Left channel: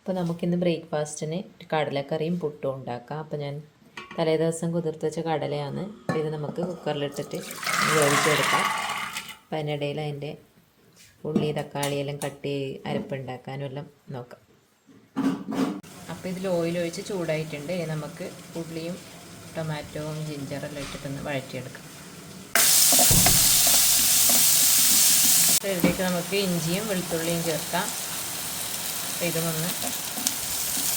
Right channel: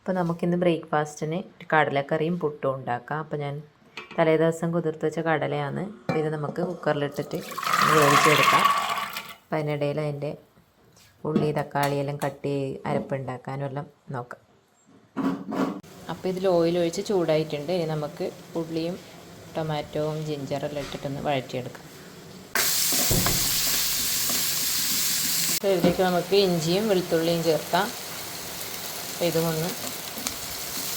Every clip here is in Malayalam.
അപ്പോൾ നമുക്കിന്ന് ബ്രേക്ക്ഫാസ്റ്റിന് ഒരു കടലക്കറിയും പുട്ടും ഉണ്ടാക്കാം. അപ്പോൾ ഞാൻ തലേ ദിവസം കുതിർത്ത് വെച്ച കടലയാണ്. അപ്പോൾ ഇത് നമുക്ക് കുക്കറിലിട്ടിട്ട് വേവിച്ചെടുക്കാം. അപ്പോൾ അതിനിടയിൽ അതിന്റെ ഉള്ളി തക്കാളി എല്ലാം കട്ട് അരപ്പുണ്ടാക്കാനും എല്ലാം നോക്കാം. അപ്പോൾ ഇതിൽ ഓയിൽ ഒഴിച്ച് ചൂടായിട്ടുണ്ട്. ഇനി നമുക്ക് ഉള്ളിയും ടൊമാറ്റോവും ജിഞ്ചറെല്ലാം ഇട്ടിട്ടൊന്ന് വഴറ്റിയെടുക്കാം. ഇതിലേക്ക് നമുക്ക് ഇഞ്ചിയും വെളുത്തുള്ളിയും ചേർക്കാം. ഇതും ഒന്ന്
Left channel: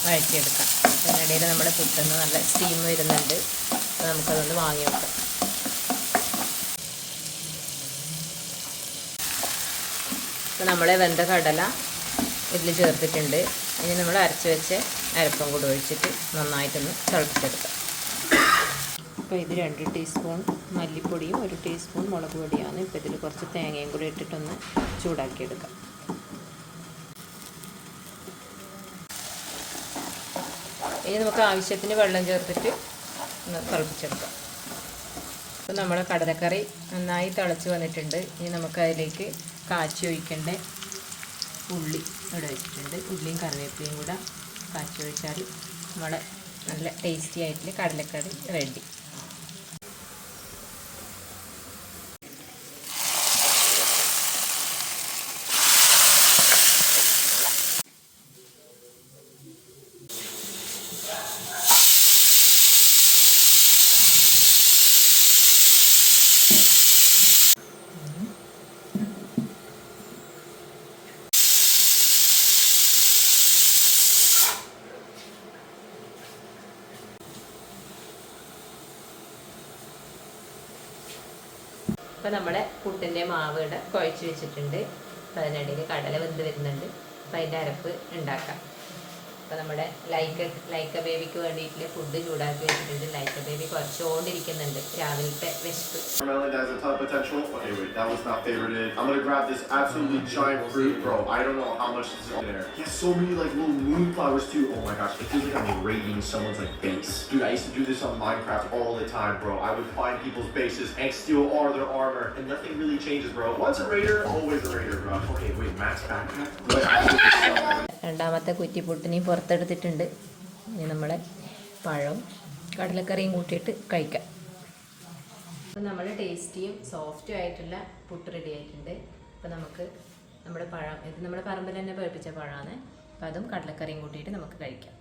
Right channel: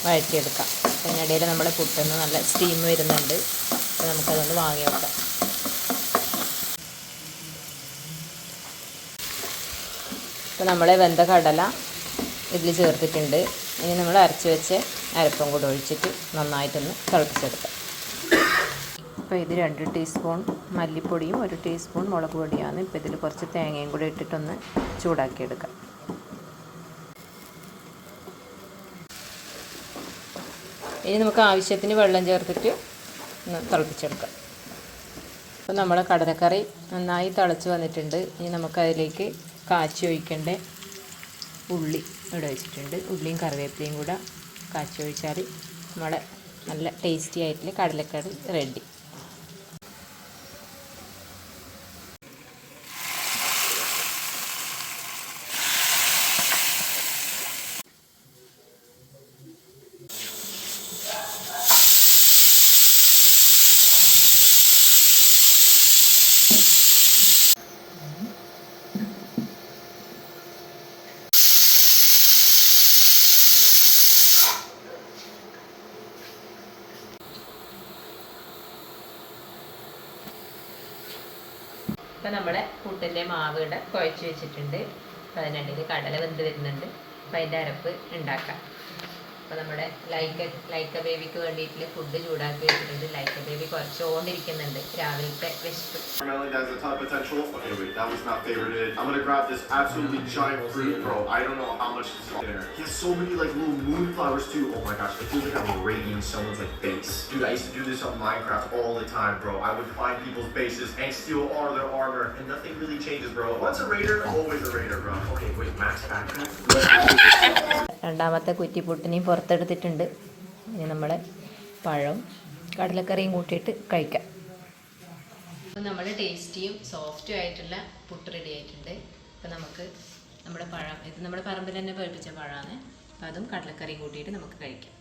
വഴറ്റിയെടുക്കാം അതിനിടയിൽ നമ്മുടെ പുട്ടെന്ന് നല്ല സ്റ്റീം വരുന്നുണ്ട്. അപ്പോൾ നമുക്കതൊന്ന് വാങ്ങി വെക്കാം. ഇപ്പോൾ നമ്മളെ വെന്ത കടല ഇതിൽ ചേർത്തിട്ടുണ്ട്. ഇനി നമ്മൾ അരച്ച് വെച്ച് അരപ്പം കൂടെ ഒഴിച്ചിട്ട് നന്നായിട്ടൊന്ന് തിളപ്പിച്ചെടുക്കാം. അപ്പോൾ ഇത് രണ്ട് ടീസ്പൂൺ മല്ലിപ്പൊടിയും ഒരു ടീസ്പൂൺ മുളക് പൊടിയാണ്. ഇപ്പോൾ ഇതിൽ കുറച്ച് തേങ്ങയും കൂടി ഇട്ടിട്ടൊന്ന് ചൂടാക്കിയെടുക്കാം. ഇനി നമുക്ക് ആവശ്യത്തിന് വെള്ളം ചേർത്തിട്ട് ഒന്ന് തിളപ്പിച്ചെടുക്കാം. അപ്പോൾ നമ്മുടെ കടലക്കറി നന്നായി തിളച്ച് വന്നിട്ടുണ്ട്. ഇനി നമുക്കതിലേക്ക് കാച്ചി ഒഴിക്കേണ്ട ഉള്ളി ഇവിടെ വെച്ചിട്ടുണ്ട്. ഉള്ളിയും കറിവേപ്പിലയും കൂടെ കാച്ചി ഒഴിച്ചാൽ നമ്മളെ നല്ല ടേസ്റ്റി ആയിട്ടുള്ള കടലക്കറി റെഡി. ഇപ്പോൾ നമ്മുടെ പുട്ടിന്റെ മാവ് ഇവിടെ കുഴച്ച് വെച്ചിട്ടുണ്ട്. അപ്പം അതിനിടയിൽ കടല വെന്ത് വരുന്നുണ്ട്. അപ്പം അതിന്റെ അരപ്പ് ഉണ്ടാക്കാം. അപ്പോൾ നമ്മുടെ ലൈക്ക ലൈക്ക ബേബിക്ക് വേണ്ടിയിട്ട് ഫുഡ് ചൂടാക്കി വെച്ചിട്ടുണ്ട് ലൈക്ക ബേബി കുറച്ചുകൊണ്ടിരിക്കുന്നുണ്ട് രാവിലത്തെ വിശപ്പ് Watermelon has a ton of potential. Okay, wait, that was not favorited. I'm gonna grab this absolutely giant fruit, bro. I don't know how much is on there. He has so many like little moonflowers too. Oh my gosh, it feels like I'm raiding someone's like base. Dude, I used to do this on Minecraft all the time, bro. I would find people's bases and steal all their armor, and nothing really changes, bro. Once a raider, always a raider, bro. Okay, wait, max backpack. രണ്ടാമത്തെ കുറ്റിപ്പുട്ടിനെയും പുറത്തെടുത്തിട്ടുണ്ട്. ഇനി നമ്മൾ പഴവും കടലക്കറിയും കൂട്ടിയിട്ട് കഴിക്കാം. അപ്പോൾ നമ്മൾ ടേസ്റ്റിയും സോഫ്റ്റും ആയിട്ടുള്ള പുട്ട് റെഡി ആയിട്ടുണ്ട്. അപ്പോൾ നമുക്ക് നമ്മുടെ പഴം ഇത് നമ്മുടെ പറമ്പിൽ തന്നെ പഴുപ്പിച്ച പഴമാണ് അപ്പോൾ അതും കടലക്കറിയും കൂട്ടിയിട്ട് നമുക്ക് കഴിക്കാം.